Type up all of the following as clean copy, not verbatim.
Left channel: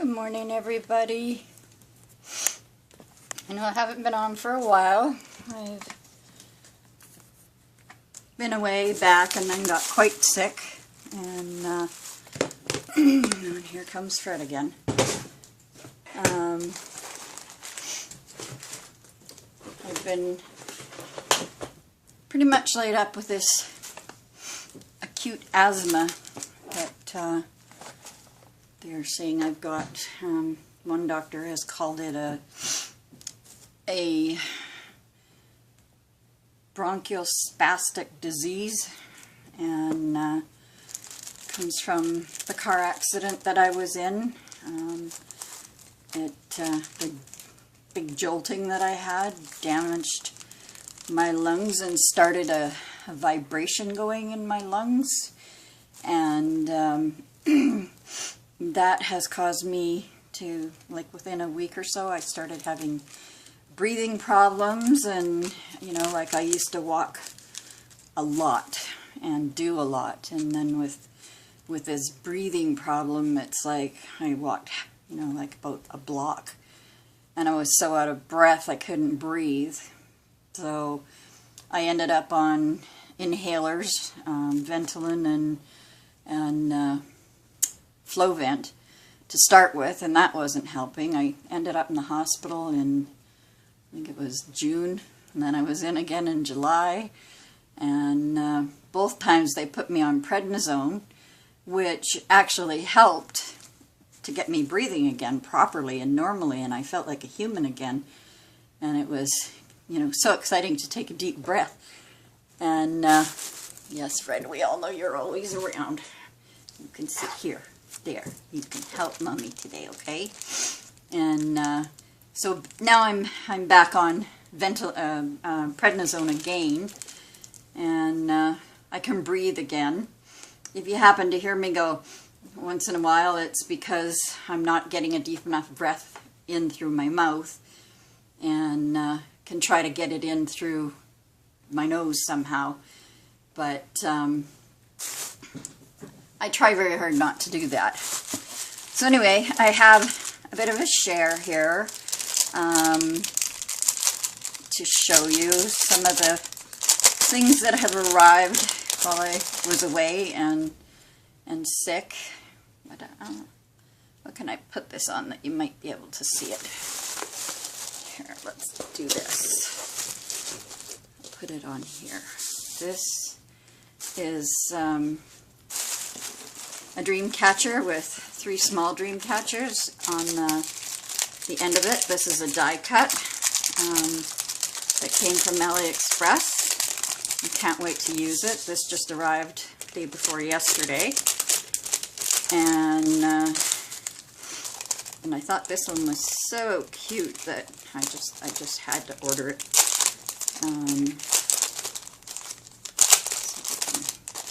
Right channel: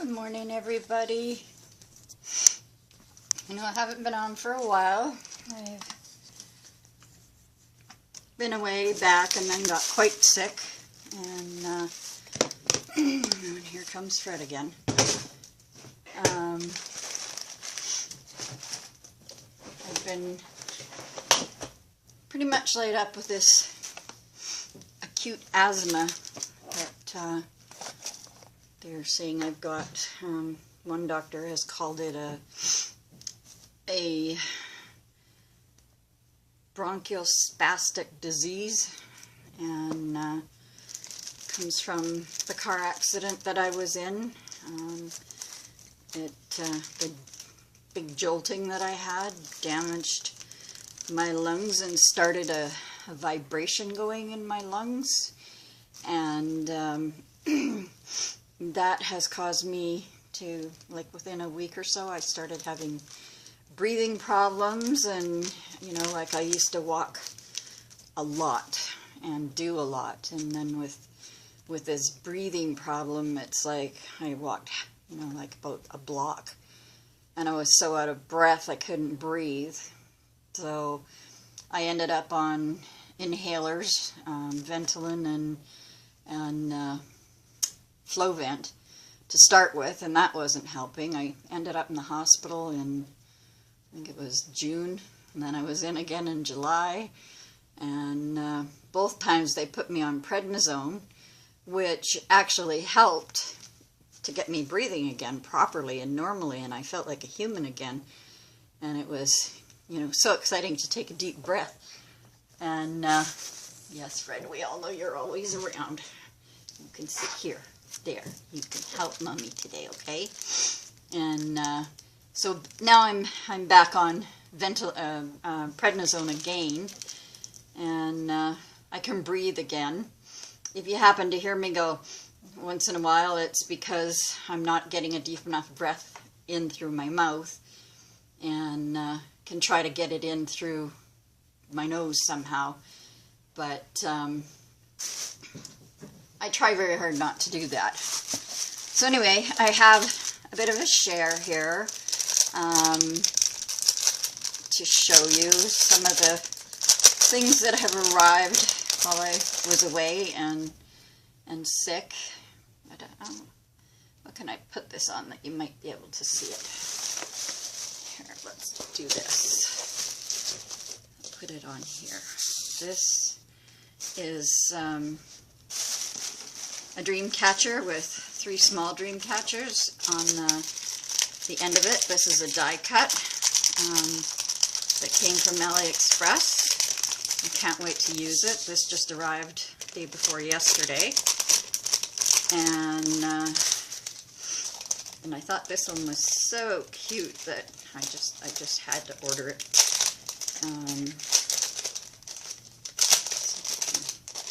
Good morning, everybody. I know I haven't been on for a while. I've been away back and then got quite sick. And here comes Fred again. I've been pretty much laid up with this acute asthma that they're saying I've got. One doctor has called it a bronchospastic disease, and comes from the car accident that I was in. The big jolting that I had damaged my lungs and started a vibration going in my lungs, and that has caused me to, like, within a week or so, I started having breathing problems. And you know, like, I used to walk a lot and do a lot, and then with this breathing problem, it's like I walked, you know, like about a block, and I was so out of breath I couldn't breathe. So I ended up on inhalers, Ventolin and Flovent to start with, and that wasn't helping. I ended up in the hospital in, I think it was June, and then I was in again in July, and both times they put me on prednisone, which actually helped to get me breathing again properly and normally, and I felt like a human again. And it was, you know, so exciting to take a deep breath. And yes, Fred, we all know you're always around. You can sit here, there. You can help Mommy today, okay? And so now I'm back on prednisone again, and I can breathe again. If you happen to hear me go once in a while, it's because I'm not getting a deep enough breath in through my mouth, and can try to get it in through my nose somehow. But I try very hard not to do that. So anyway, I have a bit of a share here to show you some of the things that have arrived while I was away and sick. But, what can I put this on that you might be able to see it? Here, let's do this. I'll put it on here. This is a Dreamcatcher with 3 small Dreamcatchers on the end of it. This is a die cut that came from AliExpress. I can't wait to use it. This just arrived the day before yesterday, and I thought this one was so cute that I just had to order it.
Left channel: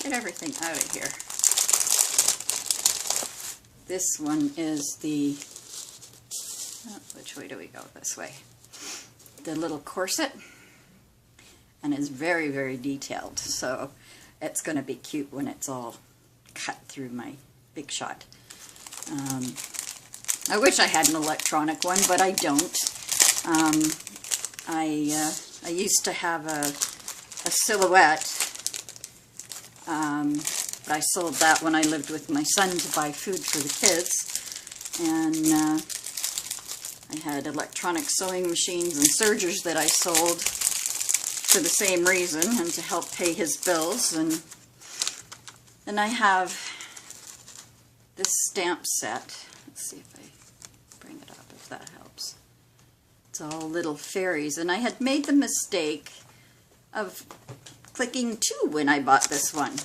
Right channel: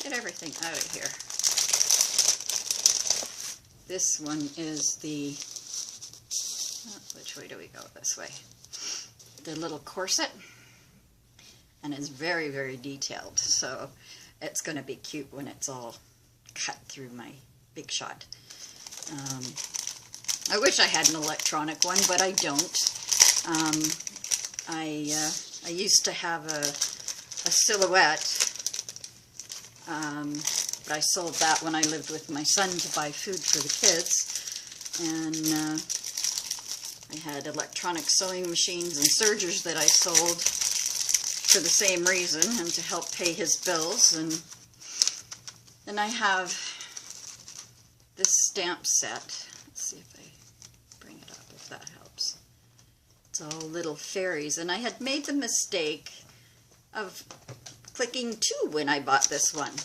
Get everything out of here. This one is the, which way do we go? This way. The little corset, and it's very, very detailed, so it's going to be cute when it's all cut through my Big Shot. I wish I had an electronic one, but I don't. I used to have a Silhouette, but I sold that when I lived with my son to buy food for the kids, and I had electronic sewing machines and sergers that I sold for the same reason, and to help pay his bills. And I have this stamp set. Let's see if I bring it up, if that helps. It's all little fairies, and I had made the mistake of clicking 2 when I bought this one.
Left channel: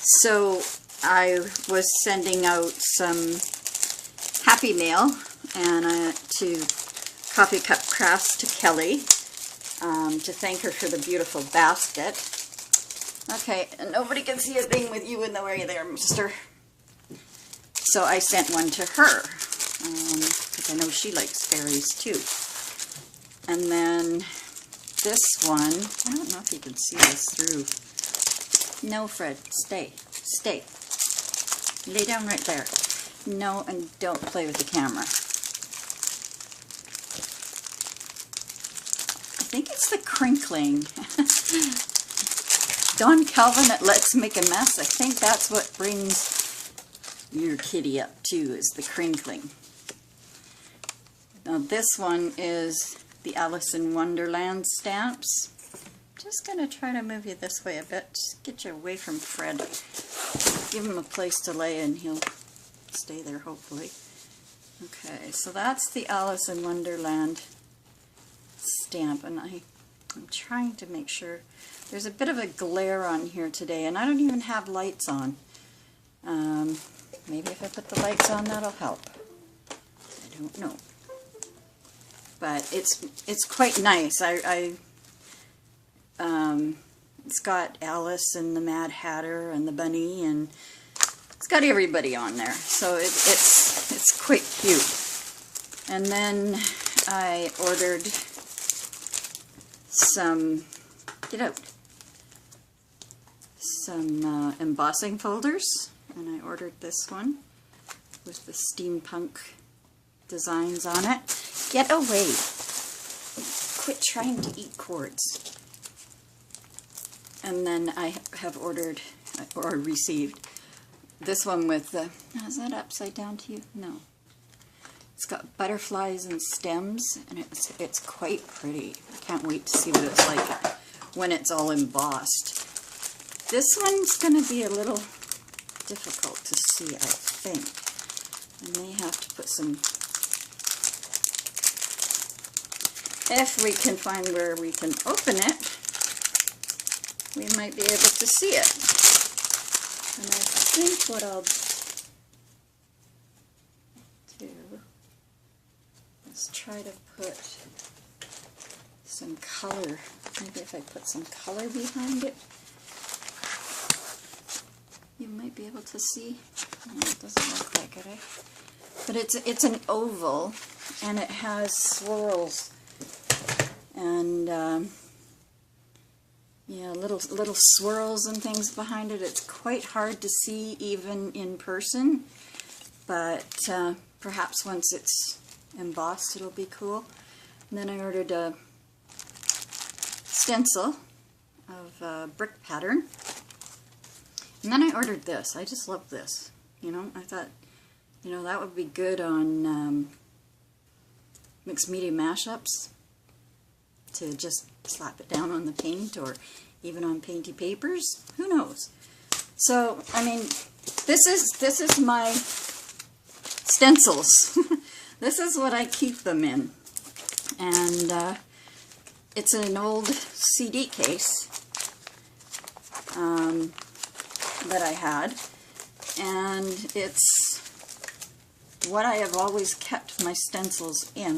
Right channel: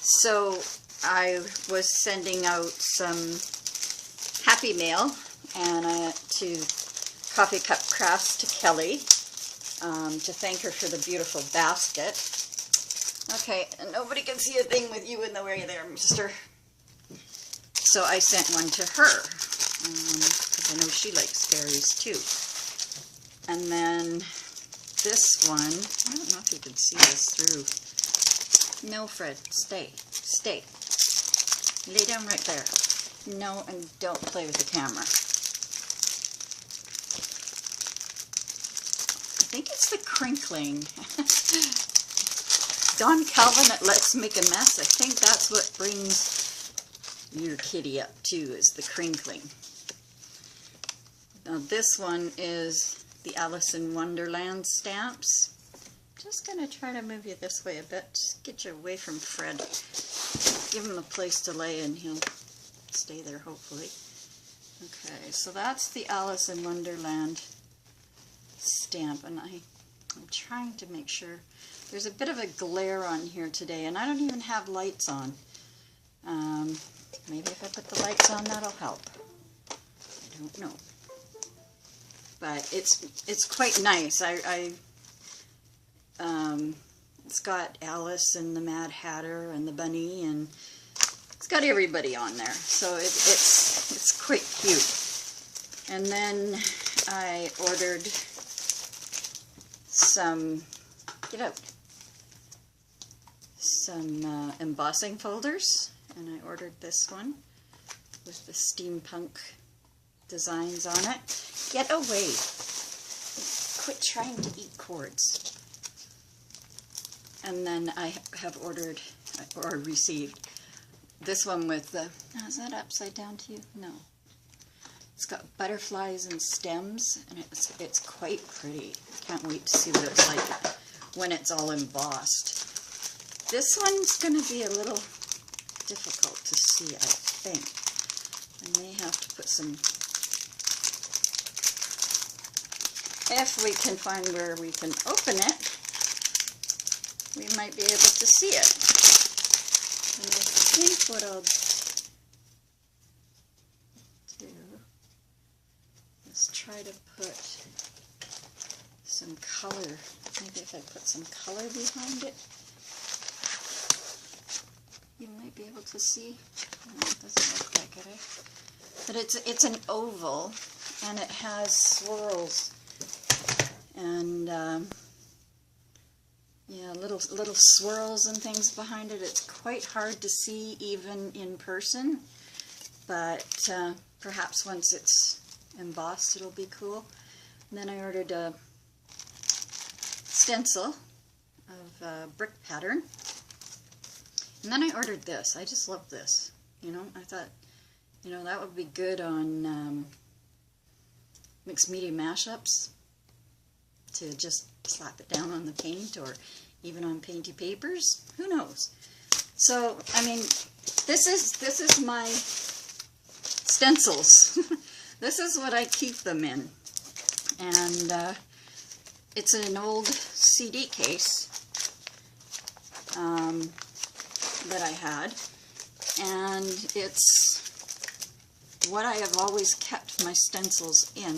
So I was sending out some Happy Mail and to Coffee Cup Crafts to Kelly to thank her for the beautiful basket. Okay, and nobody can see a thing with you in the way there, mister. So I sent one to her, because I know she likes fairies too. And then this one, I don't know if you can see this through. No, Fred, stay. Lay down right there. No, and don't play with the camera. I think it's the crinkling. Don Calvin at Let's Make a Mess. I think that's what brings your kitty up too, is the crinkling. Now this one is the Alice in Wonderland stamps. Just going to try to move you this way a bit. Just get you away from Fred. Give him a place to lay and he'll stay there hopefully. Okay, so that's the Alice in Wonderland stamp, and I'm trying to make sure. There's a bit of a glare on here today, and I don't even have lights on. Maybe if I put the lights on, that'll help. I don't know. But it's quite nice. It's got Alice and the Mad Hatter and the bunny, and it's got everybody on there. So it's quite cute. And then I ordered some, some embossing folders, and I ordered this one with the steampunk designs on it. Get away! Quit trying to eat cords. And then I have ordered, or received, this one with the, is that upside down to you? No. It's got butterflies and stems, and it's quite pretty. I can't wait to see what it's like when it's all embossed. This one's going to be a little difficult to see, I think. I may have to put some, if we can find where we can open it, we might be able to see it. And I think what I'll do is try to put some color. Maybe if I put some color behind it, you might be able to see. No, it doesn't look like it, eh? But it's an oval, and it has swirls and yeah, little swirls and things behind it. It's quite hard to see even in person, but perhaps once it's embossed it'll be cool. And then I ordered a stencil of brick pattern. And then I ordered this. I just love this. You know, I thought, you know, that would be good on mixed media mashups, to just slap it down on the paint, or even on painty papers. Who knows? So, I mean, this is my stencils. This is what I keep them in. And it's an old CD case that I had, and it's what I have always kept my stencils in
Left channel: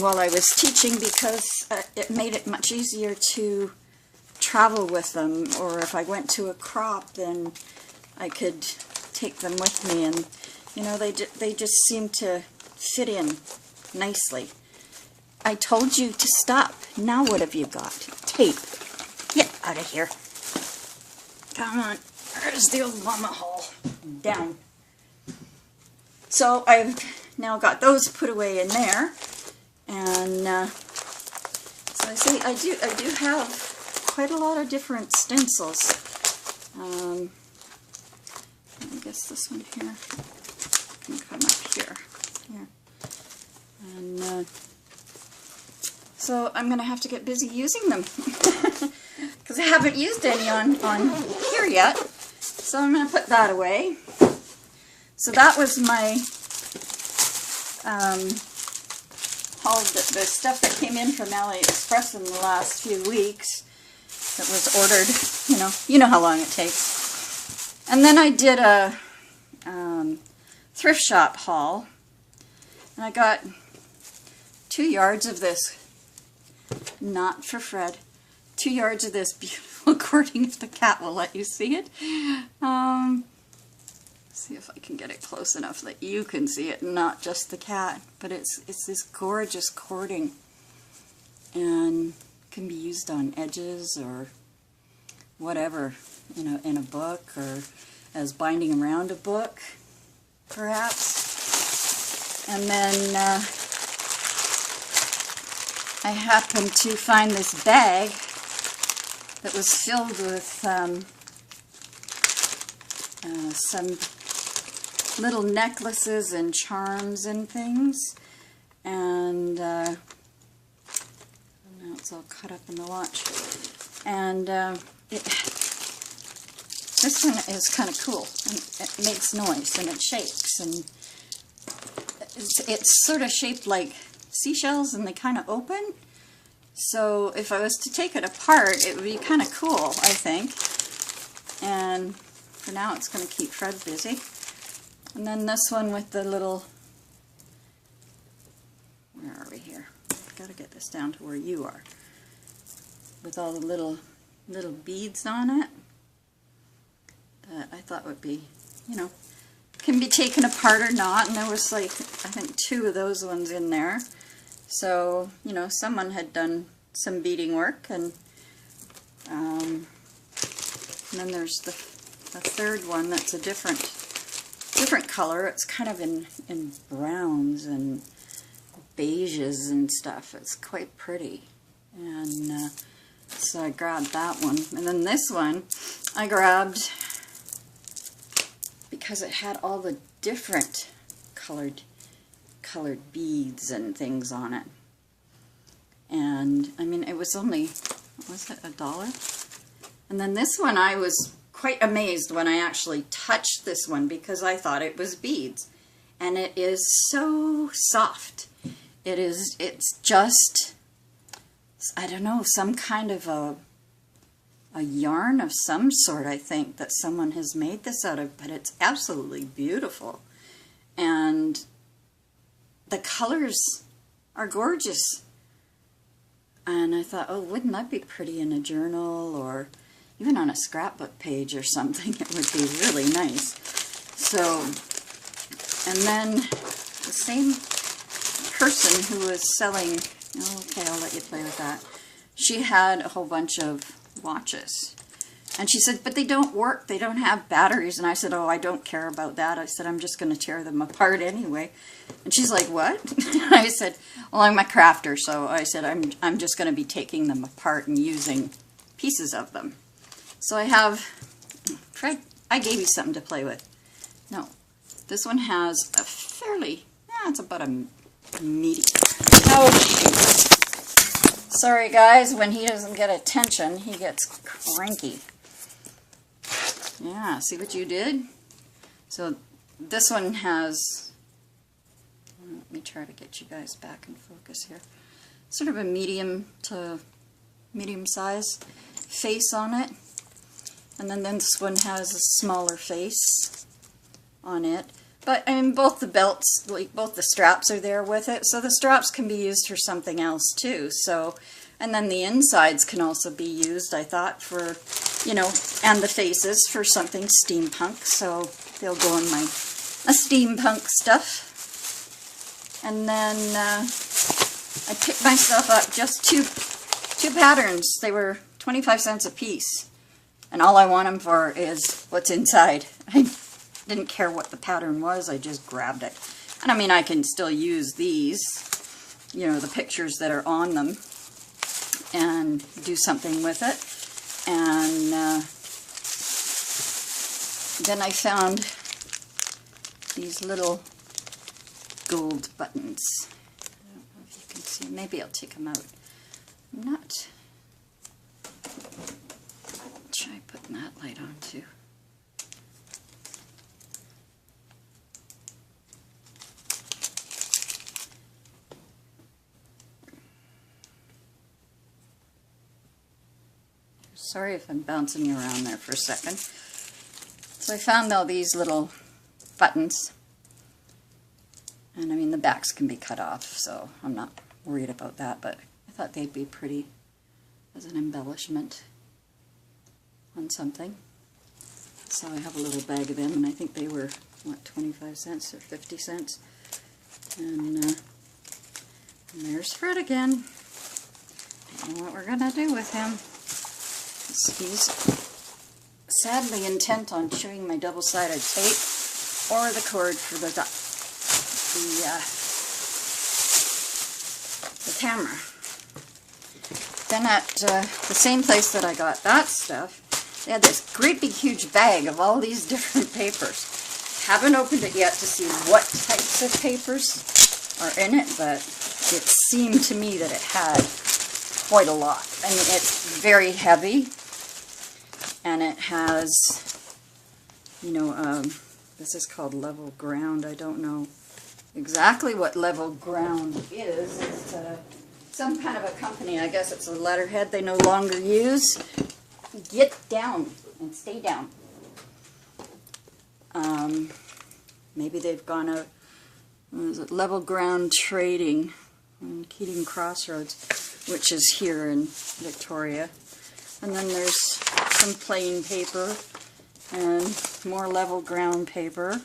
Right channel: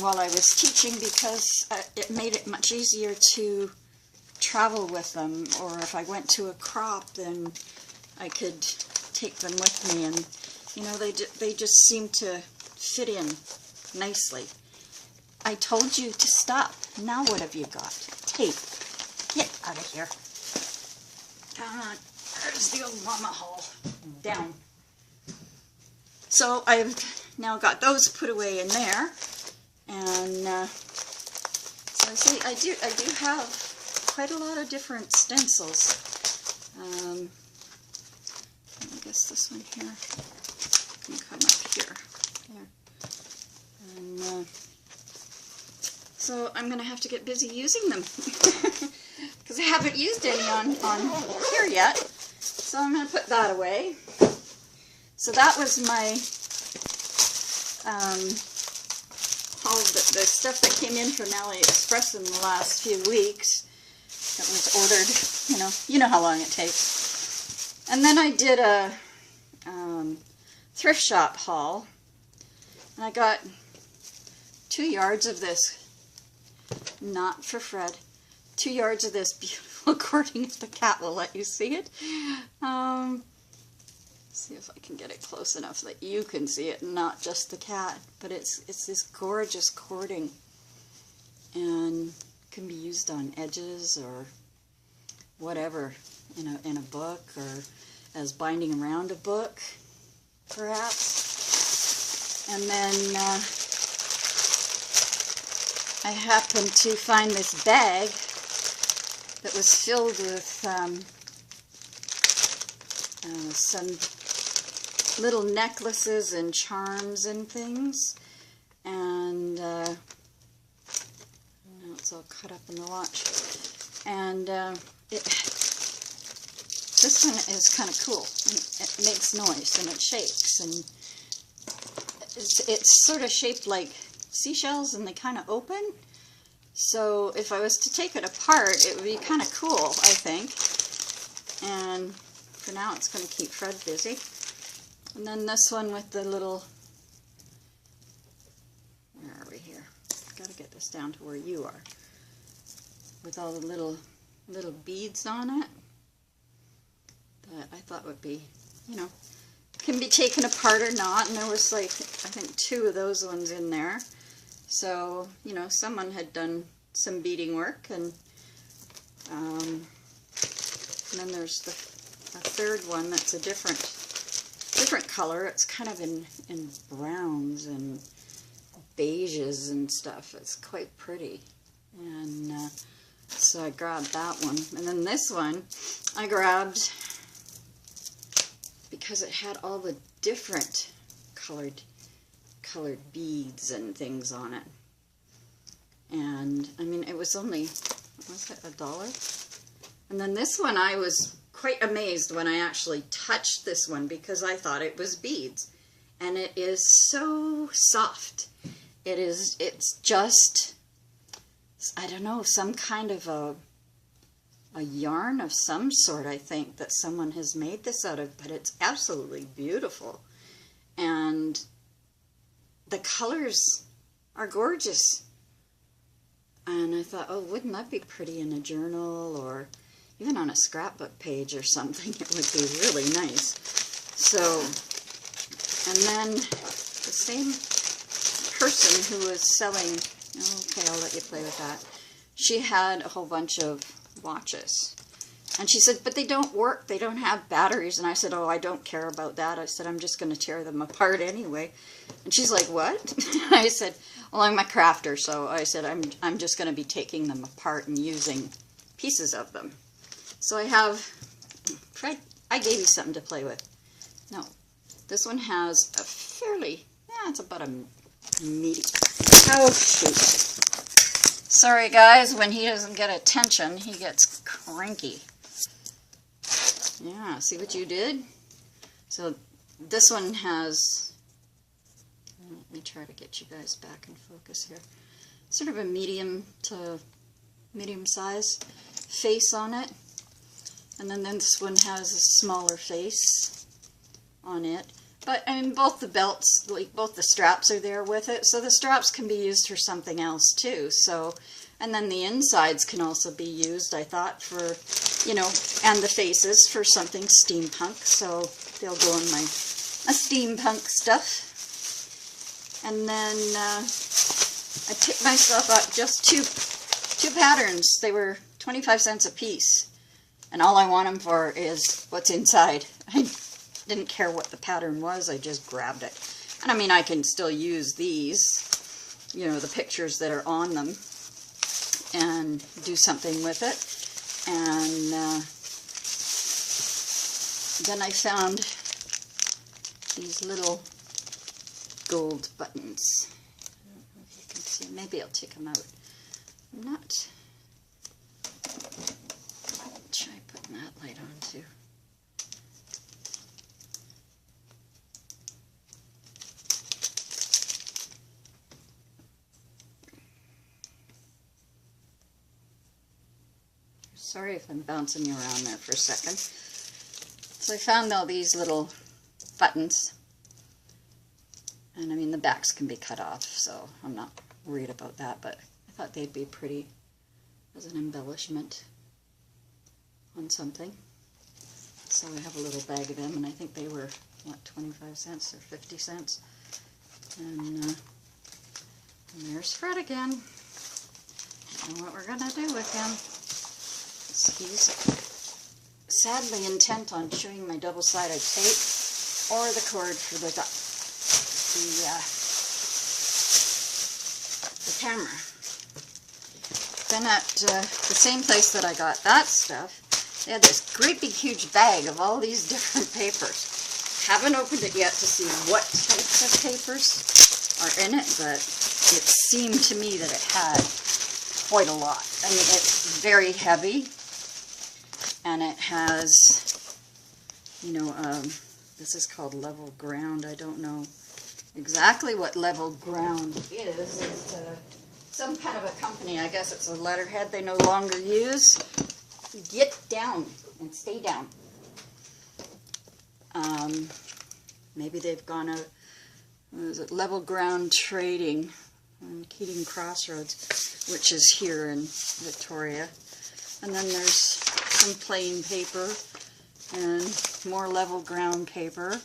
while I was teaching, because it made it much easier to travel with them, or if I went to a crop, then I could take them with me, and you know, they just seem to fit in nicely. I told you to stop. Now what have you got? Tape. Get out of here. Come on. There's the old mama hole. Down. So I've now got those put away in there. And so I see I do have quite a lot of different stencils. I guess this one here can come up here. And so I'm going to have to get busy using them, because I haven't used any on here yet. So I'm going to put that away. So that was my all the stuff that came in from AliExpress in the last few weeks that was ordered. You know how long it takes. And then I did a thrift shop haul, and I got 2 yards of this, not for Fred, 2 yards of this beautiful cording, if the cat will let you see it. See if I can get it close enough that you can see it, not just the cat. But it's this gorgeous cording, and can be used on edges or whatever, you know, in a book, or as binding around a book. perhaps. And then I happened to find this bag that was filled with some little necklaces and charms and things. And now it's all cut up in the watch. And this one is kind of cool. And it makes noise and it shakes, and it's sort of shaped like seashells, and they kind of open. So if I was to take it apart, it would be kind of cool, I think. And for now, it's going to keep Fred busy. And then this one with the little, where are we here? I've got to get this down to where you are. With all the little beads on it that I thought would be, you know, can be taken apart or not. And there was like, I think 2 of those ones in there. So, you know, someone had done some beading work. And then there's the third one that's a different color. It's kind of in browns and beiges and stuff. It's quite pretty. And so I grabbed that one. And then this one I grabbed because it had all the different colored beads and things on it. And I mean, it was only, what was it, $1? And then this one, I was quite amazed when I actually touched this one because I thought it was beads. And it is so soft. It's just, I don't know, some kind of a yarn of some sort, I think, that someone has made this out of, but it's absolutely beautiful. And the colors are gorgeous. And I thought, oh, wouldn't that be pretty in a journal or even on a scrapbook page or something? It would be really nice. So, and then the same person who was selling, okay, I'll let you play with that. She had a whole bunch of watches. And she said, but they don't work. They don't have batteries. And I said, oh, I don't care about that. I said, I'm just going to tear them apart anyway. And she's like, what? I said, well, I'm a crafter. So I said, I'm just going to be taking them apart and using pieces of them. So I have, Fred, I gave you something to play with. No, this one has a fairly, it's about a medium. Oh, sorry guys, when he doesn't get attention, he gets cranky. Yeah, see what you did? So this one has, let me try to get you guys back in focus here, sort of a medium to medium size face on it. And then this one has a smaller face on it. But I mean, both the belts, like both the straps are there with it, so the straps can be used for something else too. So, and then the insides can also be used, I thought, for, you know, and the faces for something steampunk. So they'll go in my steampunk stuff. And then I picked myself up just two patterns. They were 25 cents a piece. And all I want them for is what's inside. I didn't care what the pattern was, I just grabbed it. And I mean, I can still use these, you know, the pictures that are on them, and do something with it. And then I found these little gold buttons. I don't know if you can see, maybe I'll take them out. I'm not... Try putting that light on too. Sorry if I'm bouncing you around there for a second. So I found all these little buttons. And I mean, the backs can be cut off, so I'm not worried about that, but I thought they'd be pretty as an embellishment on something. So I have a little bag of them, and I think they were, what, 25 cents or 50 cents. And there's Fred again. I don't know what we're going to do with him. He's sadly intent on chewing my double-sided tape. or the cord for the camera. Then at the same place that I got that stuff, they had this great big huge bag of all these different papers. Haven't opened it yet to see what types of papers are in it, but it seemed to me that it had quite a lot. I mean, it's very heavy, and it has, you know, this is called level ground. I don't know exactly what level ground is. It's some kind of a company. I guess it's a letterhead they no longer use. Get down and stay down. Maybe they've gone out. What is it? Level Ground Trading in Keating Crossroads, which is here in Victoria. And then there's some plain paper and more Level Ground paper.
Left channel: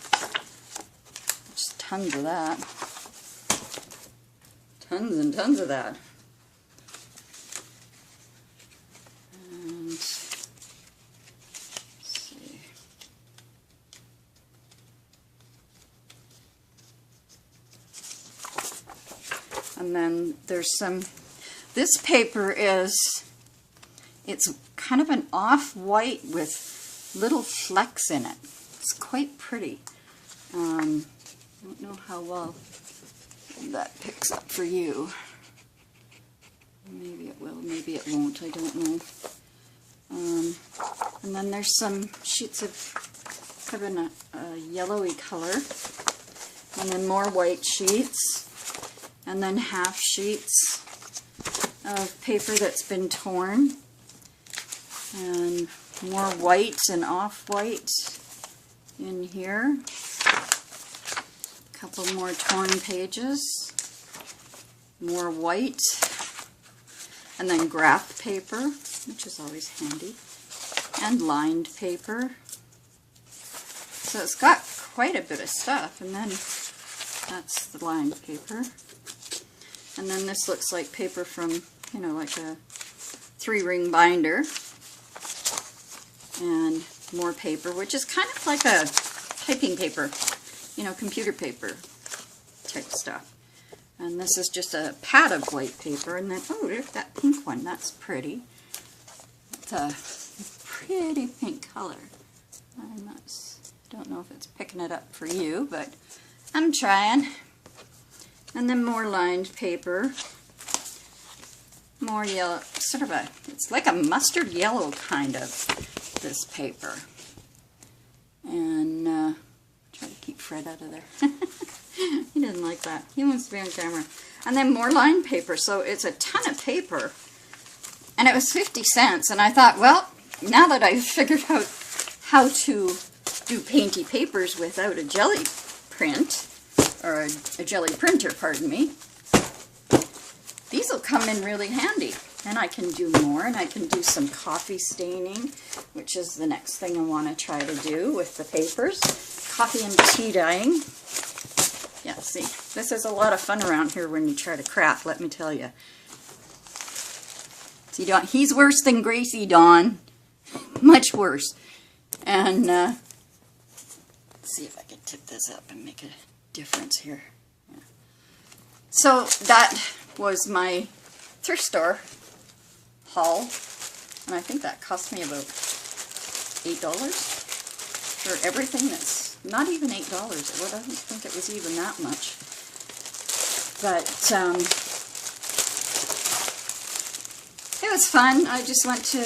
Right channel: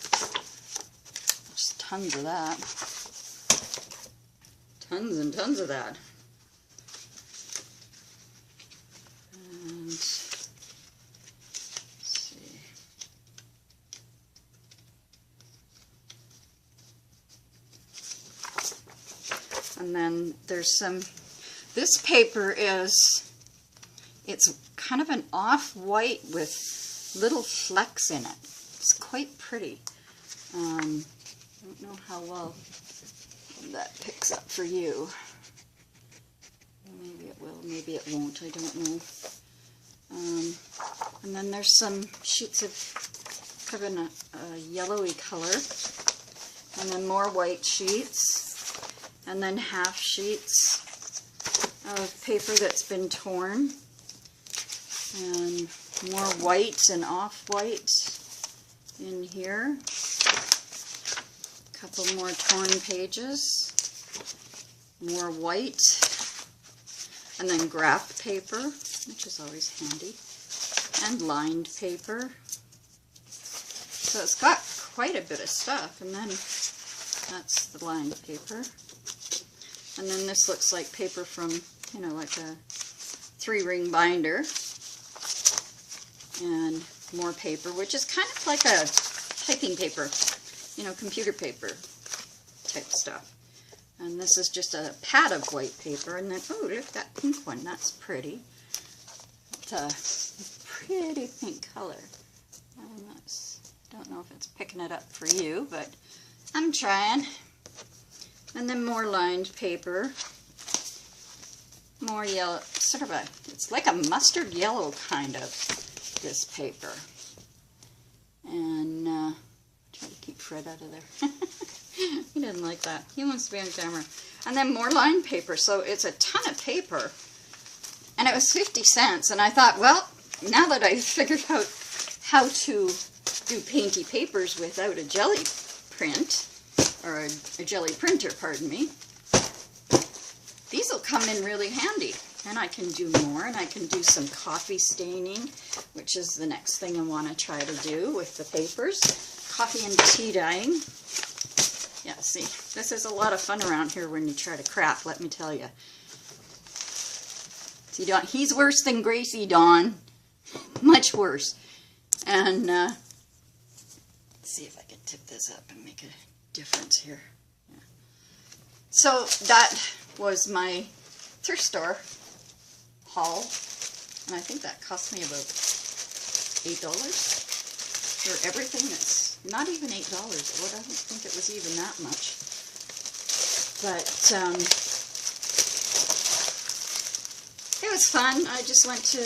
Just tons of that. Tons and tons of that. And let's see. And then there's some, this paper is, it's kind of an off-white with little flecks in it. It's quite pretty. I don't know how well that picks up for you. Maybe it will, maybe it won't, I don't know. And then there's some sheets of kind of a yellowy color, and then more white sheets, and then half sheets of paper that's been torn, and more white and off-white in here. Couple more torn pages, more white, and then graph paper, which is always handy, and lined paper. So it's got quite a bit of stuff, and then that's the lined paper. And then this looks like paper from, you know, like a 3-ring binder, and more paper, which is kind of like a typing paper, you know, computer paper type stuff. And this is just a pad of white paper, and then, oh, there's that pink one. That's pretty. It's a pretty pink color. Don't know if it's picking it up for you, but I'm trying. And then more lined paper. More yellow, sort of a, it's like a mustard yellow kind of, this paper. And try to keep Fred out of there. He doesn't like that. He wants to be on camera. And then more lined paper. So it's a ton of paper. And it was 50 cents. And I thought, well, now that I've figured out how to do painty papers without a jelly print, or a jelly printer, pardon me, these will come in really handy. And I can do more, and I can do some coffee staining, which is the next thing I want to try to do with the papers. Coffee and tea dyeing. Yeah, see, this is a lot of fun around here when you try to craft, let me tell you. See, Dawn, he's worse than Gracie, Dawn. Much worse. And let's see if I can tip this up and make a difference here. Yeah. So that was my thrift store haul, and I think that cost me about $8 for everything. That's not even $8. I don't think it was even that much. But it was fun. I just went to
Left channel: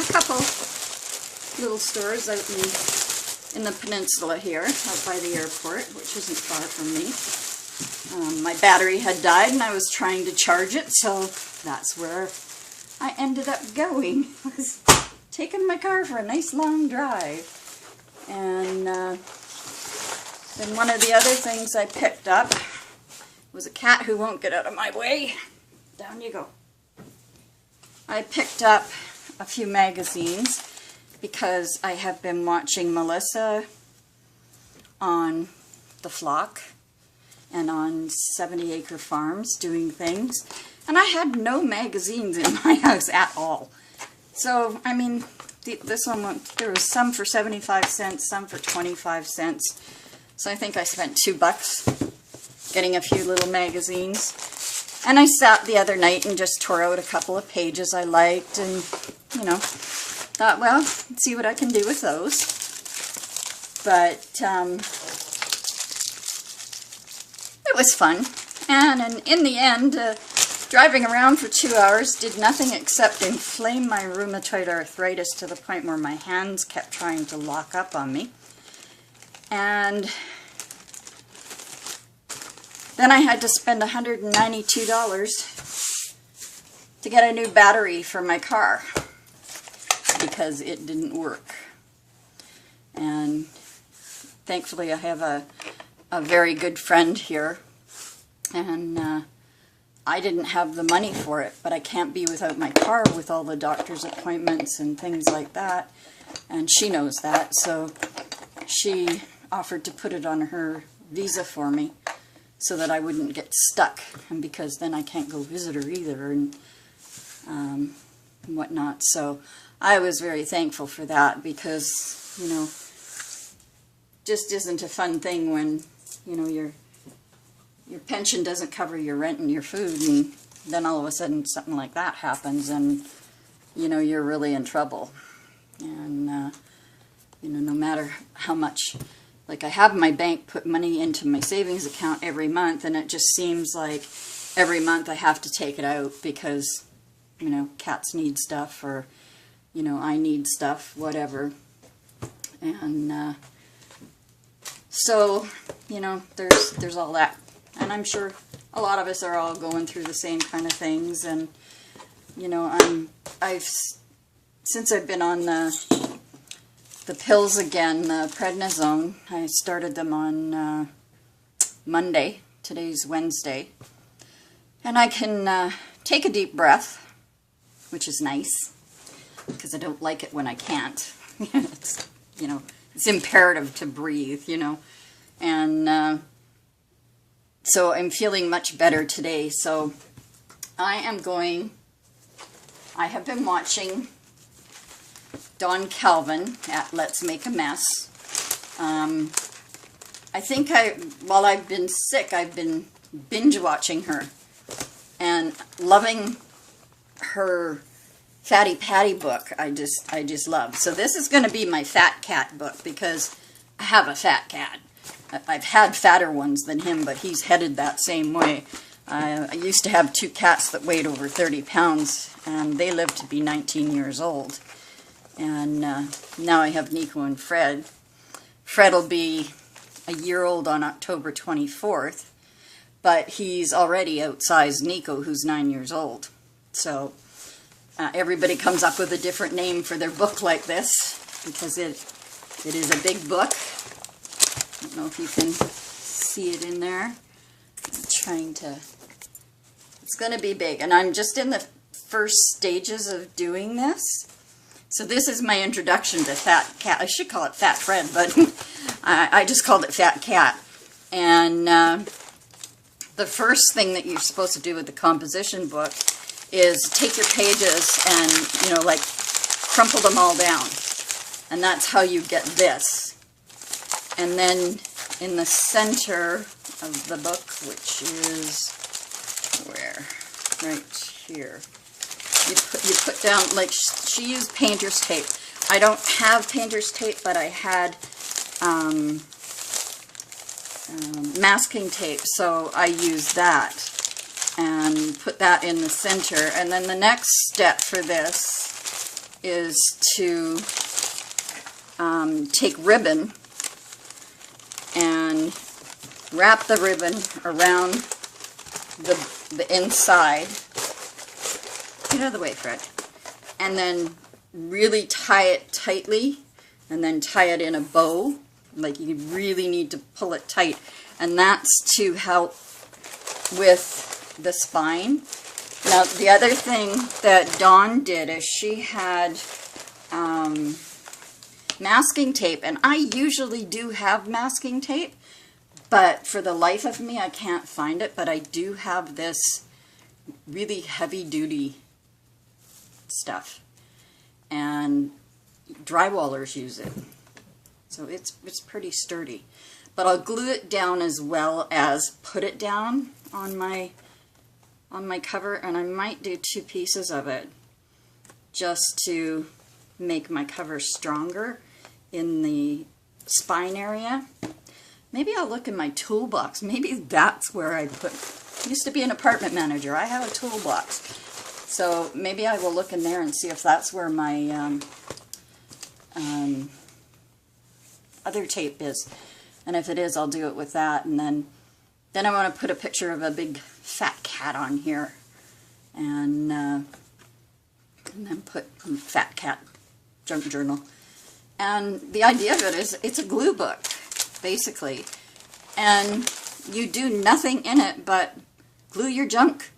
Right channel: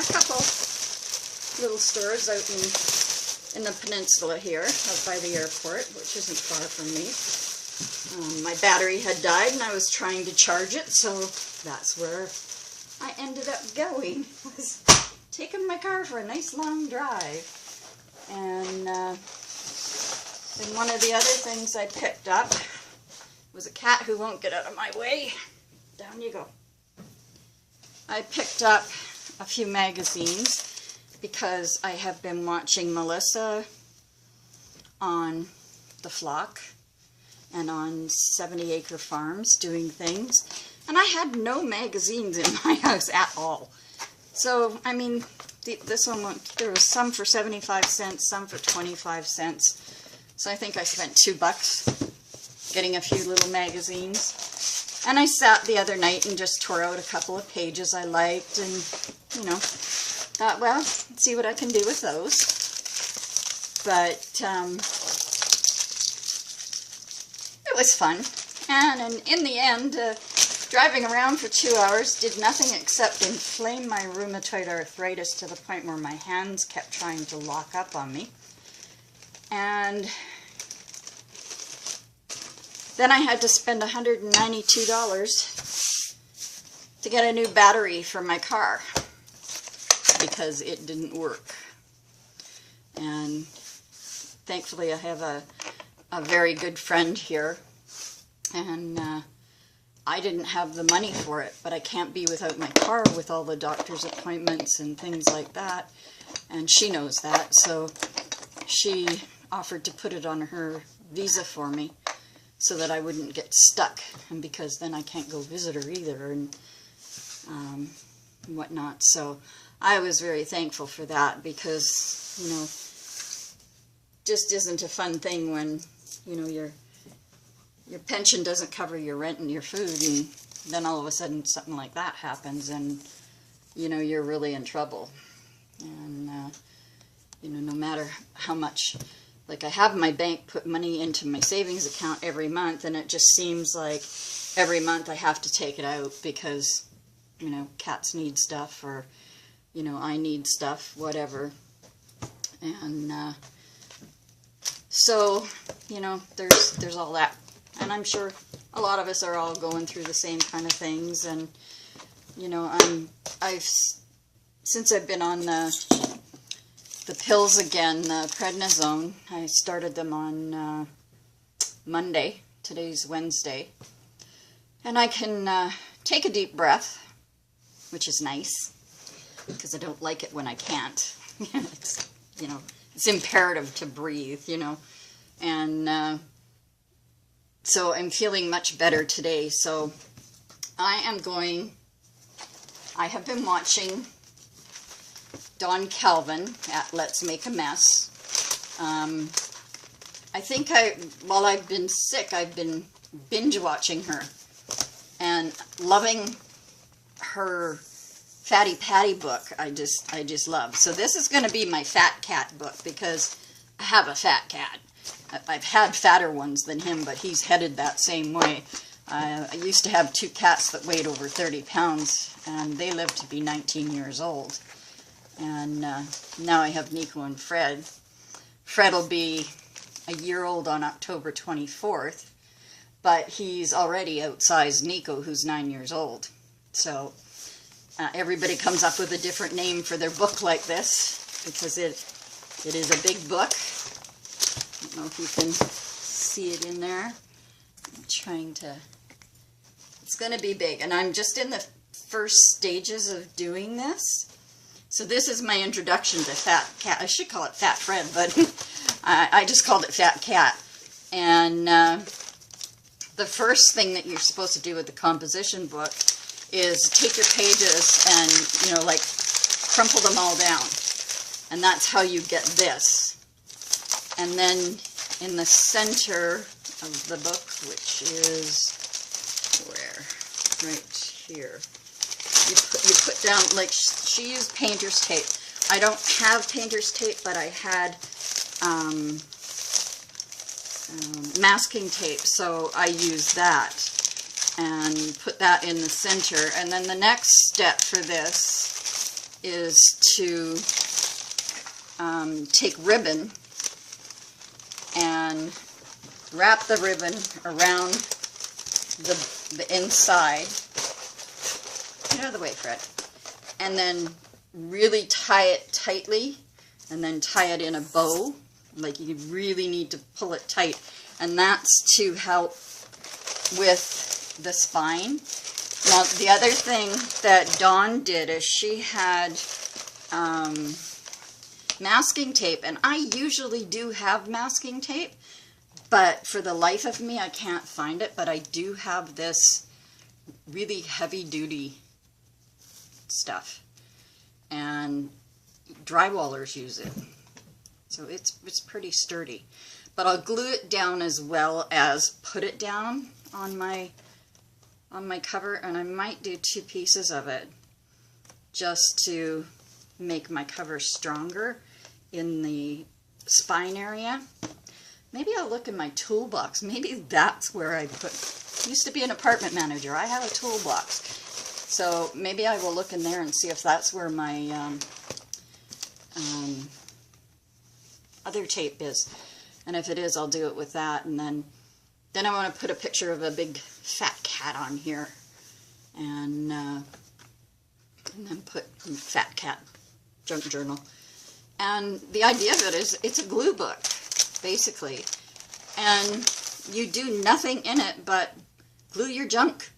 a couple little stores out in the peninsula here, out by the airport, which isn't far from me. My battery had died and I was trying to charge it, so that's where I ended up going. I was taking my car for a nice long drive. And then one of the other things I picked up was a cat who won't get out of my way. Down you go. I picked up a few magazines because I have been watching Melissa on The Flock and on 70 Acre Farms doing things, and I had no magazines in my house at all. So, I mean, This one, there was some for 75 cents, some for 25 cents. So I think I spent $2 getting a few little magazines. And I sat the other night and just tore out a couple of pages I liked and, you know, thought, well, let's see what I can do with those. But it was fun. And in the end, driving around for 2 hours did nothing except inflame my rheumatoid arthritis to the point where my hands kept trying to lock up on me. And then I had to spend $192 to get a new battery for my car because it didn't work. And thankfully I have a very good friend here, and I didn't have the money for it, but I can't be without my car with all the doctor's appointments and things like that, and she knows that, so she offered to put it on her visa for me so that I wouldn't get stuck, and because then I can't go visit her either and whatnot. So I was very thankful for that, because, you know, just isn't a fun thing when, you know, your pension doesn't cover your rent and your food, and then all of a sudden something like that happens, and, you know, you're really in trouble. And, you know, no matter how much, like, I have my bank put money into my savings account every month, and it just seems like every month I have to take it out because, you know, cats need stuff, or, you know, I need stuff, whatever. And so, you know, there's all that. And I'm sure a lot of us are all going through the same kind of things. And, you know, since I've been on the pills again, the prednisone, I started them on Monday. Today's Wednesday. And I can take a deep breath, which is nice, because I don't like it when I can't. It's, you know, it's imperative to breathe, you know. And so I'm feeling much better today. So I have been watching Dawn Calvin at Let's Make a Mess. I think while I've been sick, I've been binge watching her and loving her Fatty Patty book. I just love. So this is going to be my fat cat book, because I have a fat cat. I've had fatter ones than him, but he's headed that same way. I used to have 2 cats that weighed over 30 pounds, and they lived to be 19 years old. And now I have Nico and Fred. Fred will be a year old on October 24th, but he's already outsized Nico, who's 9 years old. So everybody comes up with a different name for their book like this, because it is a big book. I don't know if you can see it in there. I'm trying to... It's going to be big, and I'm just in the first stages of doing this. So this is my introduction to Fat Cat. I should call it Fat Fred, but I just called it Fat Cat. And the first thing that you're supposed to do with the composition book is take your pages and, you know, like, crumple them all down. And that's how you get this. And then in the center of the book, which is where? Right here. You put down, like, she used painter's tape. I don't have painter's tape, but I had masking tape, so I used that and put that in the center. And then the next step for this is to take ribbon and wrap the ribbon around the inside. Get out of the way, Fred. And then really tie it tightly, and then tie it in a bow. Like, you really need to pull it tight. And that's to help with the spine. Now, the other thing that Dawn did is she had masking tape, and I usually do have masking tape, but for the life of me I can't find it. But I do have this really heavy-duty stuff, and drywallers use it. So it's pretty sturdy. But I'll glue it down as well as put it down on my cover, and I might do 2 pieces of it just to make my cover stronger in the spine area. Maybe I'll look in my toolbox. Maybe that's where I put, used to be an apartment manager. I have a toolbox. So maybe I will look in there and see if that's where my other tape is. And if it is, I'll do it with that. And then I want to put a picture of a big fat cat on here. And then put fat cat junk journal. And the idea of it is it's a glue book, basically. And you do nothing in it but glue your junk.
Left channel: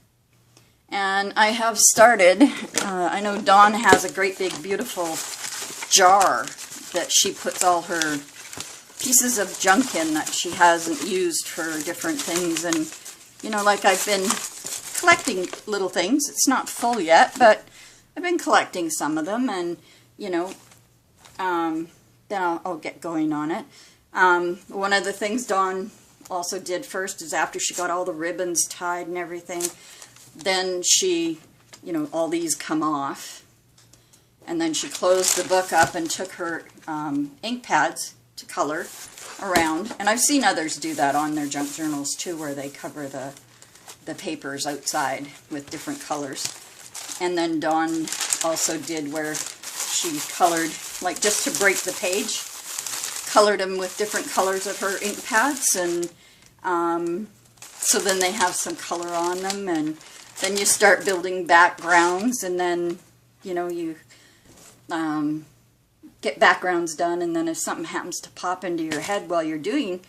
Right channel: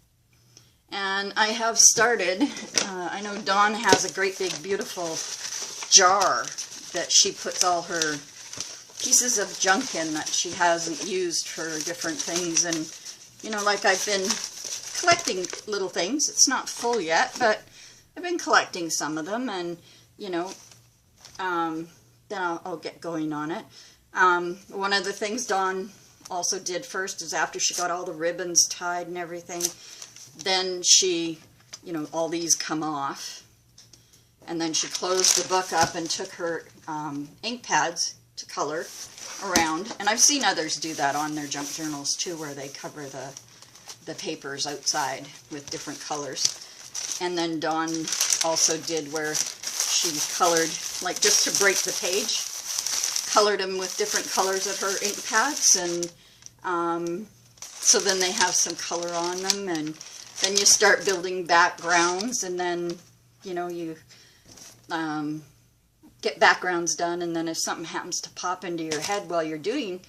And I have started, I know Dawn has a great big beautiful jar that she puts all her pieces of junk in that she hasn't used for different things. And, you know, like I've been collecting little things. It's not full yet, but I've been collecting some of them, and, you know, then I'll get going on it. One of the things Dawn also did first is after she got all the ribbons tied and everything, then she, you know, all these come off, and then she closed the book up and took her ink pads to color around. And I've seen others do that on their junk journals too, where they cover the papers outside with different colors. And then Dawn also did where she colored, like just to break the page, colored them with different colors of her ink pads, and so then they have some color on them. And then you start building backgrounds, and then, you know, you get backgrounds done, and then if something happens to pop into your head while you're doing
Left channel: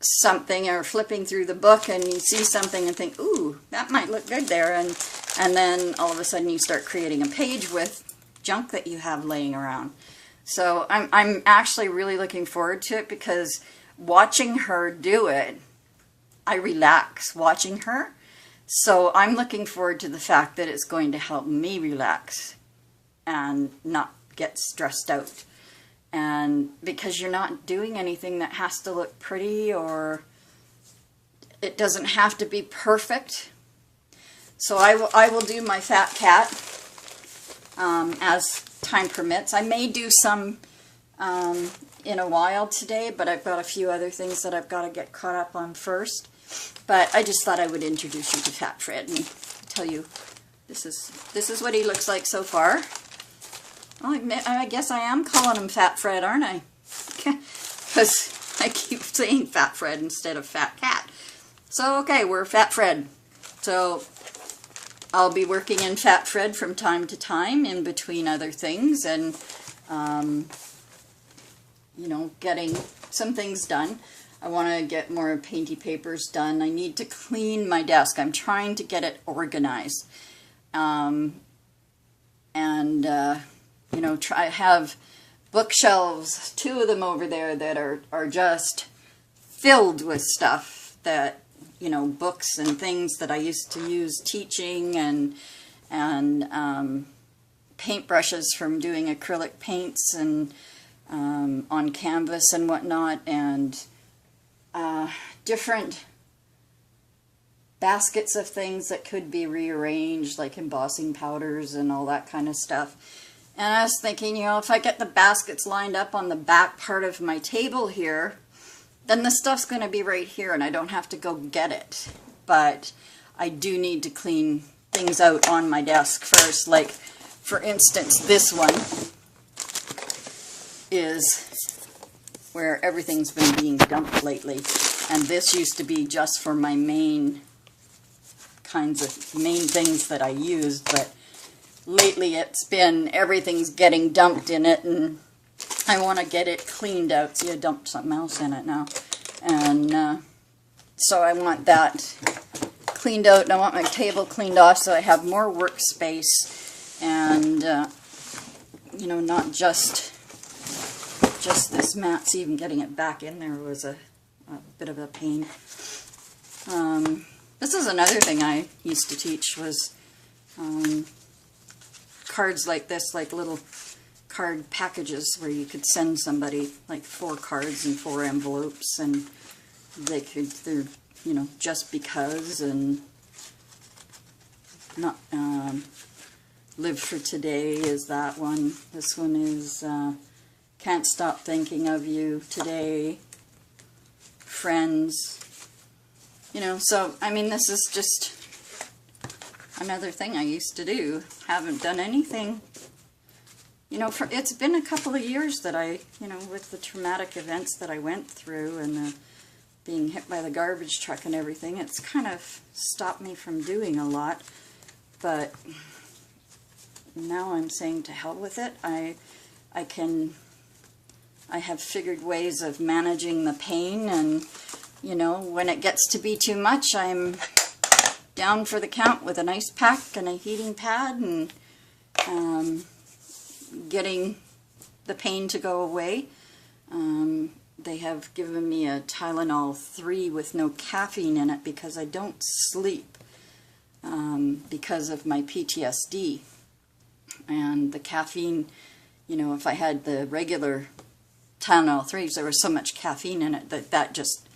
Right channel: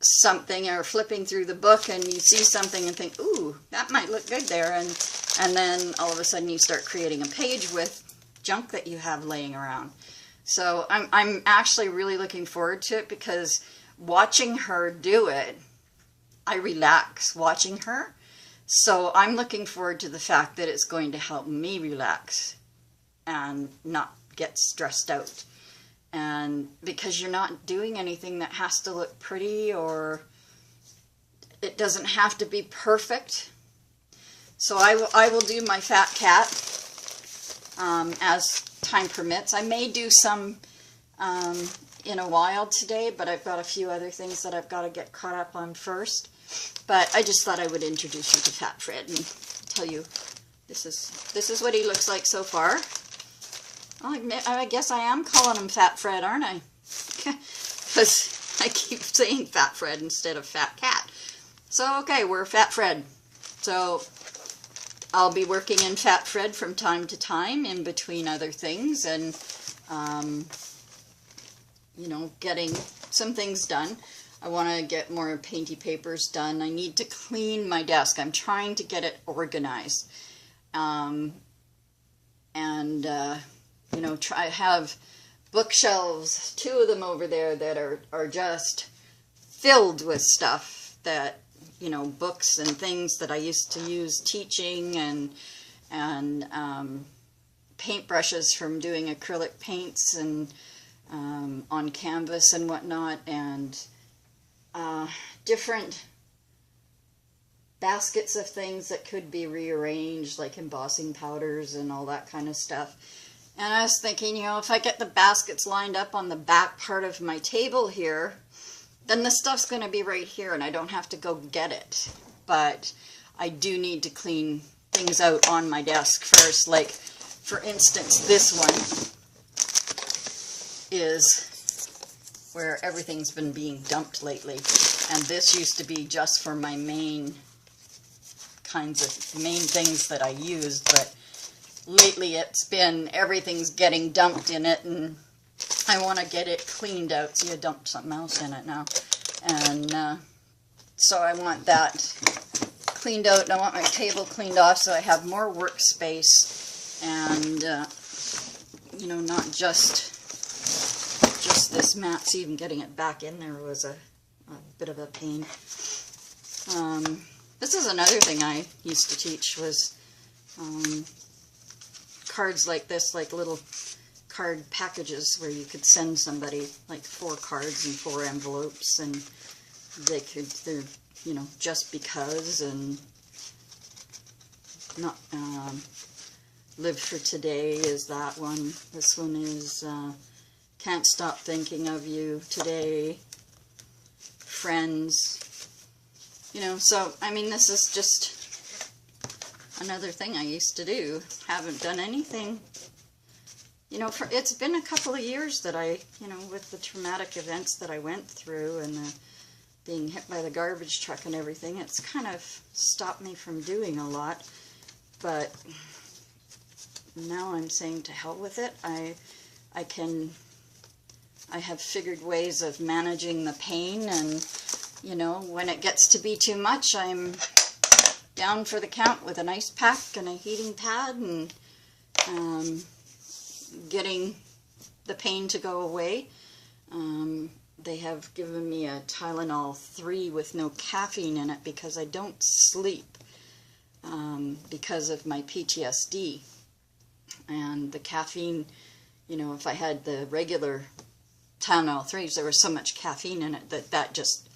something or flipping through the book and you see something and think, ooh, that might look good there, and then all of a sudden you start creating a page with junk that you have laying around. So I'm actually really looking forward to it, because watching her do it, I relax watching her. So I'm looking forward to the fact that it's going to help me relax and not get stressed out. And because you're not doing anything that has to look pretty, or it doesn't have to be perfect. So I will do my fat cat as time permits. I may do some in a while today, but I've got a few other things that I've got to get caught up on first. But I just thought I would introduce you to Fat Fred and tell you this is what he looks like so far. Well, I guess I am calling him Fat Fred, aren't I? Because I keep saying Fat Fred instead of Fat Cat. So, okay, we're Fat Fred. So, I'll be working in Fat Fred from time to time in between other things, and, you know, getting some things done. I want to get more painty papers done. I need to clean my desk. I'm trying to get it organized. You know, I have bookshelves, 2 of them over there, that are just filled with stuff that, you know, books and things that I used to use teaching, and paintbrushes from doing acrylic paints and on canvas and whatnot, and different baskets of things that could be rearranged, like embossing powders and all that kind of stuff. And I was thinking, you know, if I get the baskets lined up on the back part of my table here, then the stuff's going to be right here and I don't have to go get it. But I do need to clean things out on my desk first. Like, for instance, this one is where everything's been being dumped lately. And this used to be just for my main things that I used, but lately it's been everything's getting dumped in it, and I want to get it cleaned out. See, I dumped something else in it now, and so I want that cleaned out, and I want my table cleaned off so I have more workspace, and you know, not just this mat. See, even getting it back in there was a bit of a pain. This is another thing I used to teach, was cards like this, like little card packages where you could send somebody like 4 cards and 4 envelopes, and they're, you know, just because, and not, Live for Today is that one. This one is Can't Stop Thinking of You Today, Friends, you know. So I mean, this is just another thing I used to do. Haven't done anything, you know, it's been a couple of years that I, you know, with the traumatic events that I went through and the being hit by the garbage truck and everything, it's kind of stopped me from doing a lot. But now I'm saying to hell with it. I have figured ways of managing the pain, and, you know, when it gets to be too much, I'm down for the count with an ice pack and a heating pad, and getting the pain to go away. They have given me a Tylenol 3 with no caffeine in it because I don't sleep because of my PTSD. And the caffeine, you know, if I had the regular Tylenol 3s, there was so much caffeine in it that just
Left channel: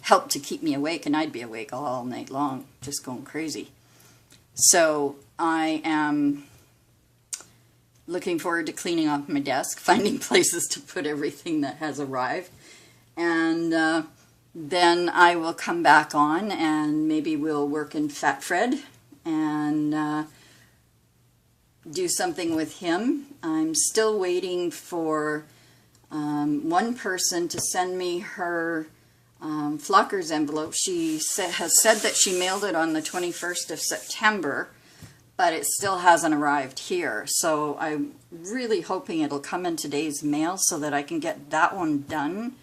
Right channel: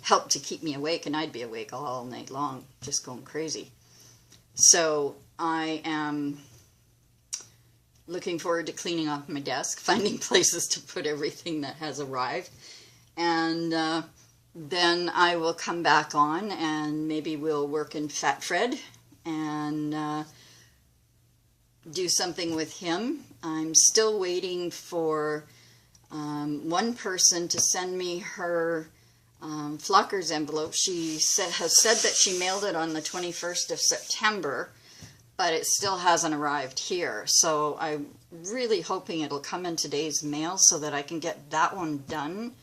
helped to keep me awake, and I'd be awake all night long, just going crazy. So I am looking forward to cleaning off my desk, finding places to put everything that has arrived, and then I will come back on, and maybe we'll work in Fat Fred and do something with him. I'm still waiting for one person to send me her Flocker's envelope. She has said that she mailed it on the 21st of September, but it still hasn't arrived here. So I'm really hoping it'll come in today's mail so that I can get that one done.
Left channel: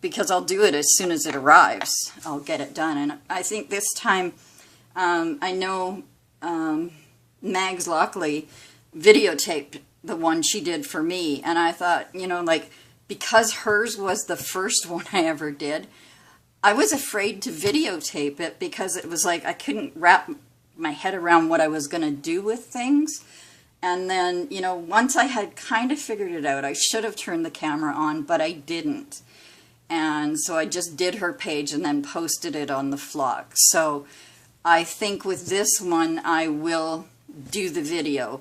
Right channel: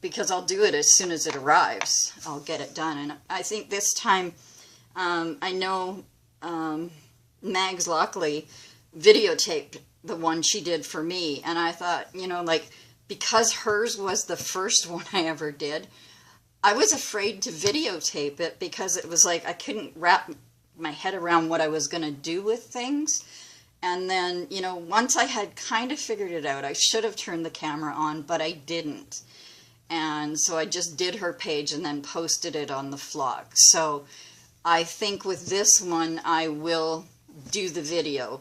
Because I'll do it as soon as it arrives. I'll get it done. And I think this time, I know Mags Lockley videotaped the one she did for me, and I thought, you know, like, because hers was the first one I ever did, I was afraid to videotape it because it was like I couldn't wrap my head around what I was going to do with things. And then, you know, once I had kind of figured it out, I should have turned the camera on, but I didn't. And so I just did her page and then posted it on the Flock. So I think with this one, I will do the video.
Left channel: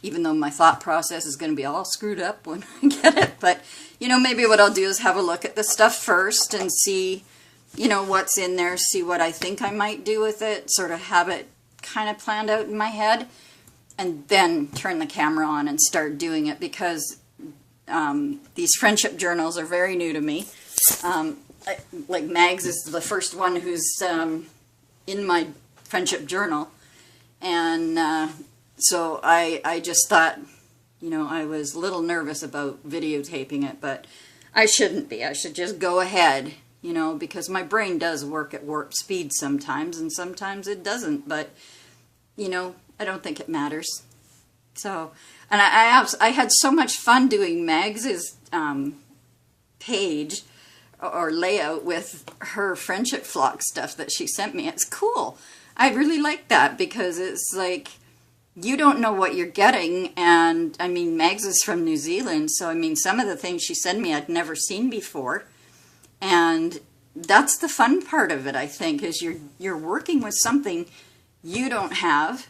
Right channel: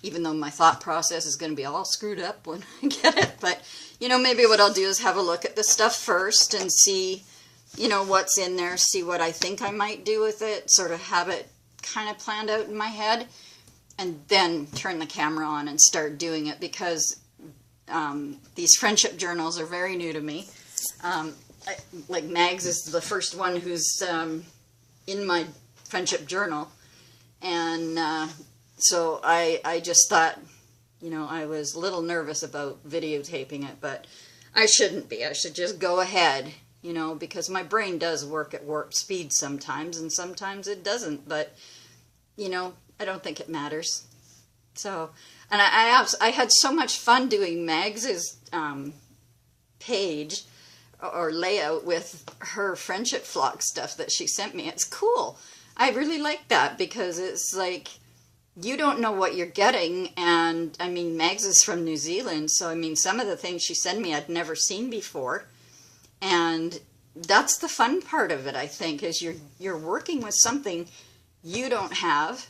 Even though my thought process is going to be all screwed up when I get it. But, you know, maybe what I'll do is have a look at the stuff first and see, you know, what's in there, see what I think I might do with it, sort of have it kind of planned out in my head, and then turn the camera on and start doing it, because these friendship journals are very new to me. Like Mags is the first one who's in my friendship journal, and so I just thought, you know, I was a little nervous about videotaping it, but I shouldn't be. I should just go ahead, you know, because my brain does work at warp speed sometimes, and sometimes it doesn't, but, you know, I don't think it matters. So, and I had so much fun doing Megs's page or layout with her friendship flock stuff that she sent me. It's cool. I really like that, because it's like, you don't know what you're getting. And I mean, Megs is from New Zealand, so I mean, some of the things she sent me I'd never seen before, and that's the fun part of it, I think, is you're working with something you don't have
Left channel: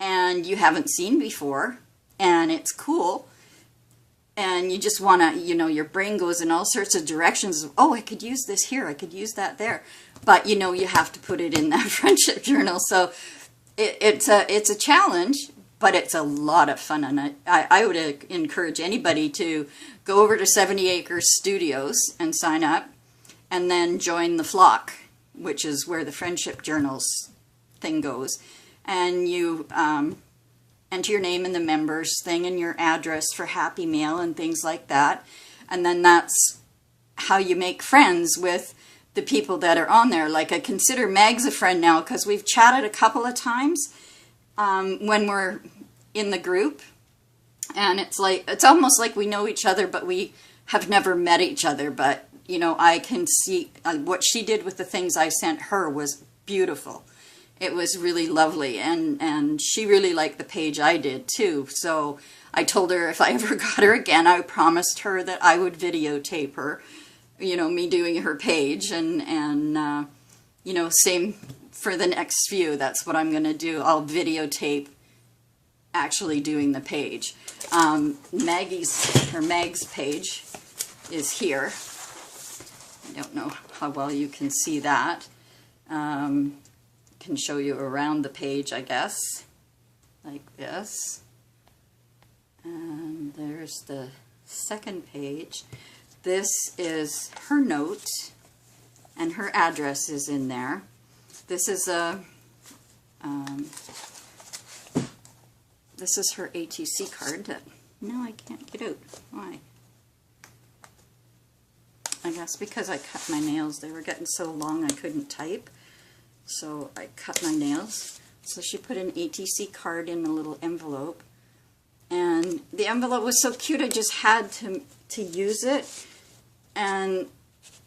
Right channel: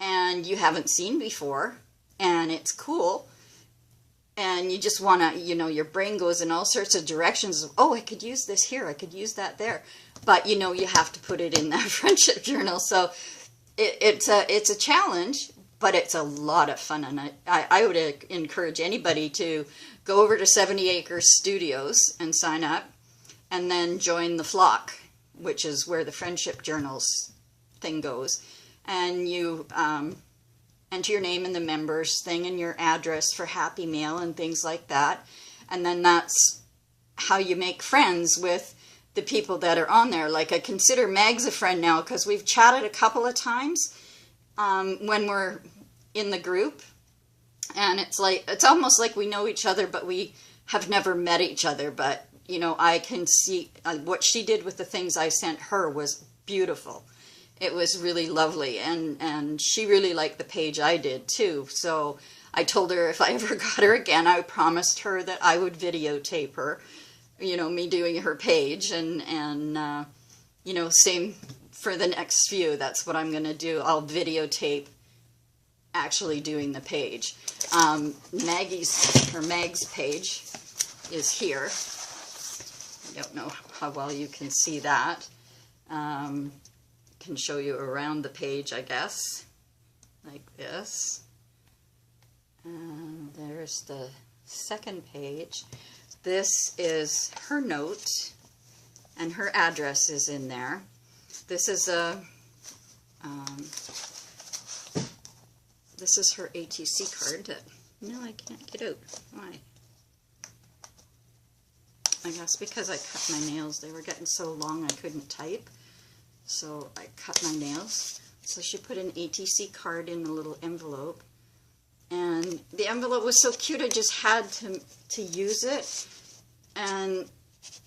and you haven't seen before, and it's cool, and you just want to, you know, your brain goes in all sorts of directions of, oh, I could use this here, I could use that there, but, you know, you have to put it in that friendship journal. So it's a challenge, but it's a lot of fun, and I would encourage anybody to go over to 70 Acres Studios and sign up, and then join the Flock, which is where the friendship journals thing goes, and you enter your name in the members thing and your address for Happy Mail and things like that, and then that's how you make friends with the people that are on there. Like, I consider Megs a friend now because we've chatted a couple of times when we're in the group, and it's like, it's almost like we know each other, but we have never met each other. But, you know, I can see what she did with the things I sent her was beautiful, it was really lovely, and she really liked the page I did too. So I told her if I ever got her again, I promised her that I would videotape her, you know, me doing her page, and you know, same for the next few. That's what I'm going to do. I'll videotape actually doing the page. Megs Page is here. I don't know how well you can see that. Can show you around the page, I guess, like this. And there's the second page. This is her note, and her address is in there. This is a this is her ATC card that, no, I can't get out. Why? I guess because I cut my nails. They were getting so long I couldn't type. So I cut my nails. So she put an ATC card in a little envelope. And the envelope was so cute, I just had to use it. And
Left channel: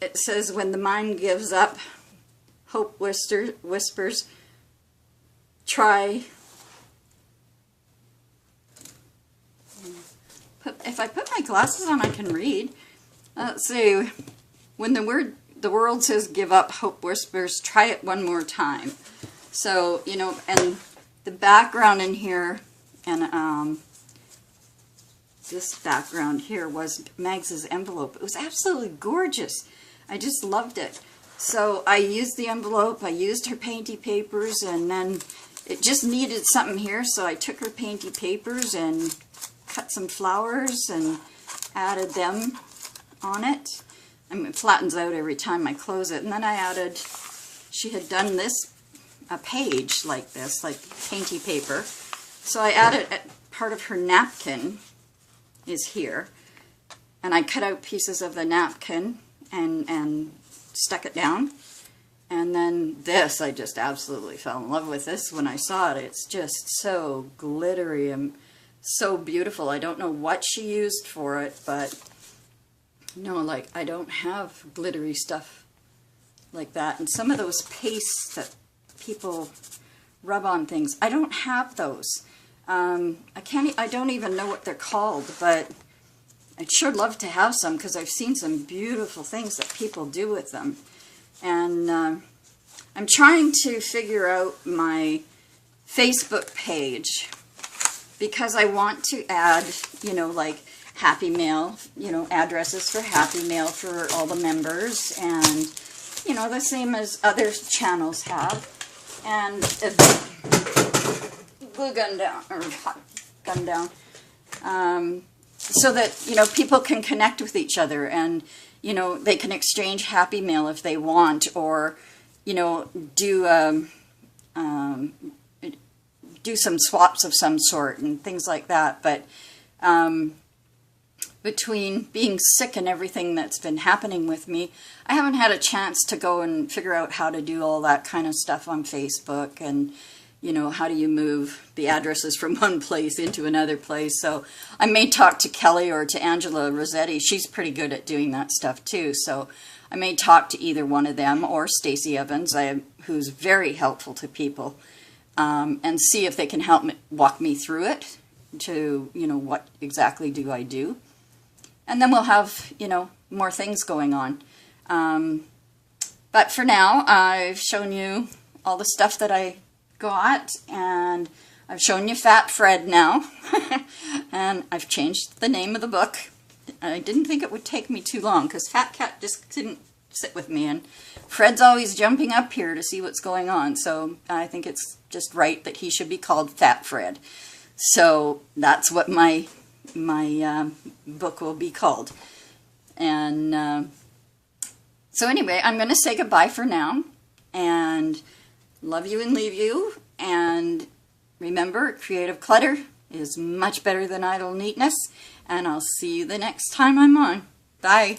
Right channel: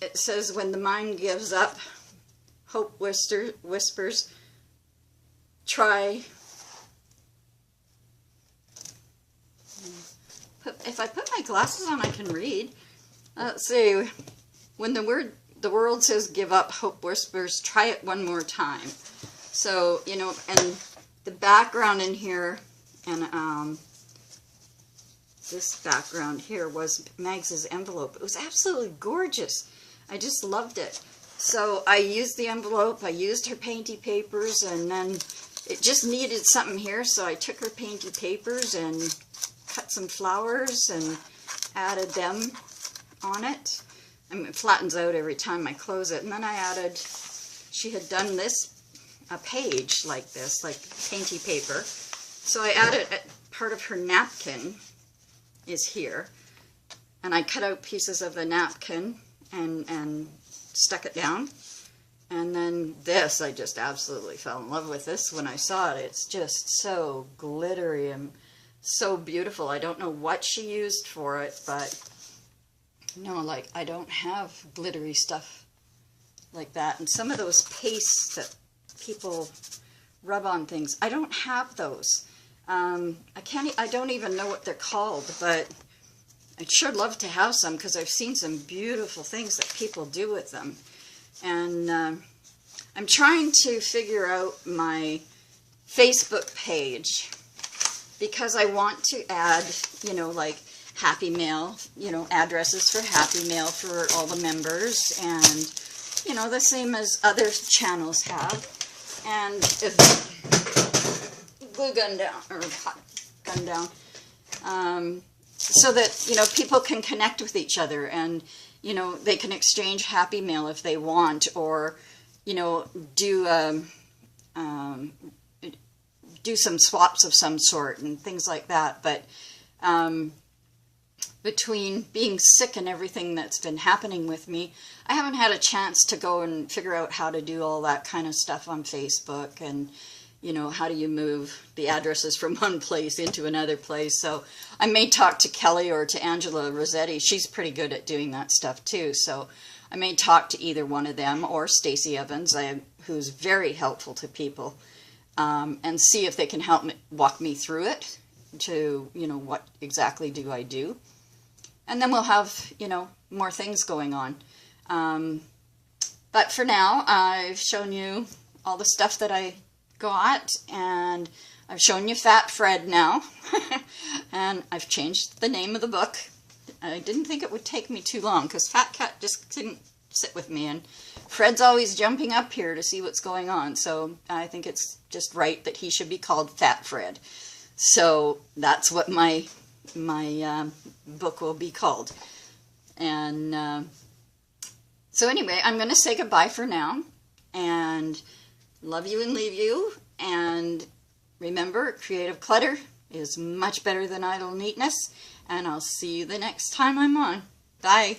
it says, when the mind gives up, hope whispers, try. If I put my glasses on, I can read. Let's see. When the world says give up, hope whispers, try it one more time. So, you know, and the background in here, and this background here was Megs's envelope. It was absolutely gorgeous. I just loved it. So I used the envelope, I used her painty papers, and then it just needed something here, so I took her painty papers and cut some flowers and added them on it. I mean, it flattens out every time I close it. And then I added, she had done this, a page like this, like painty paper. So I added part of her napkin is here. And I cut out pieces of the napkin and stuck it down. And then this, I just absolutely fell in love with this when I saw it. It's just so glittery and so beautiful. I don't know what she used for it, but no, like, I don't have glittery stuff like that. And some of those pastes that people rub on things, I don't have those. I don't even know what they're called, but I'd sure love to have some, because I've seen some beautiful things that people do with them. And I'm trying to figure out my Facebook page, because I want to add, you know, like Happy Mail, you know, addresses for Happy Mail for all the members, and, you know, the same as other channels have. And glue gun down, or hot gun down, so that, you know, people can connect with each other, and, you know, they can exchange Happy Mail if they want, or, you know, do some swaps of some sort and things like that. But between being sick and everything that's been happening with me, I haven't had a chance to go and figure out how to do all that kind of stuff on Facebook, and, you know, how do you move the addresses from one place into another place. So I may talk to Kelly or to Angela Rossetti. She's pretty good at doing that stuff too. So I may talk to either one of them, or Stacey Evans, who's very helpful to people, and see if they can help me, walk me through it, to, you know, what exactly do I do. And then we'll have, you know, more things going on. But for now, I've shown you all the stuff that I got, and I've shown you Fat Fred now. And I've changed the name of the book. I didn't think it would take me too long, because Fat Cat just didn't sit with me, and Fred's always jumping up here to see what's going on, so I think it's just right that he should be called Fat Fred. So that's what my book will be called. And so anyway, I'm going to say goodbye for now, and love you and leave you, and remember, creative clutter is much better than idle neatness, and I'll see you the next time I'm on. Bye.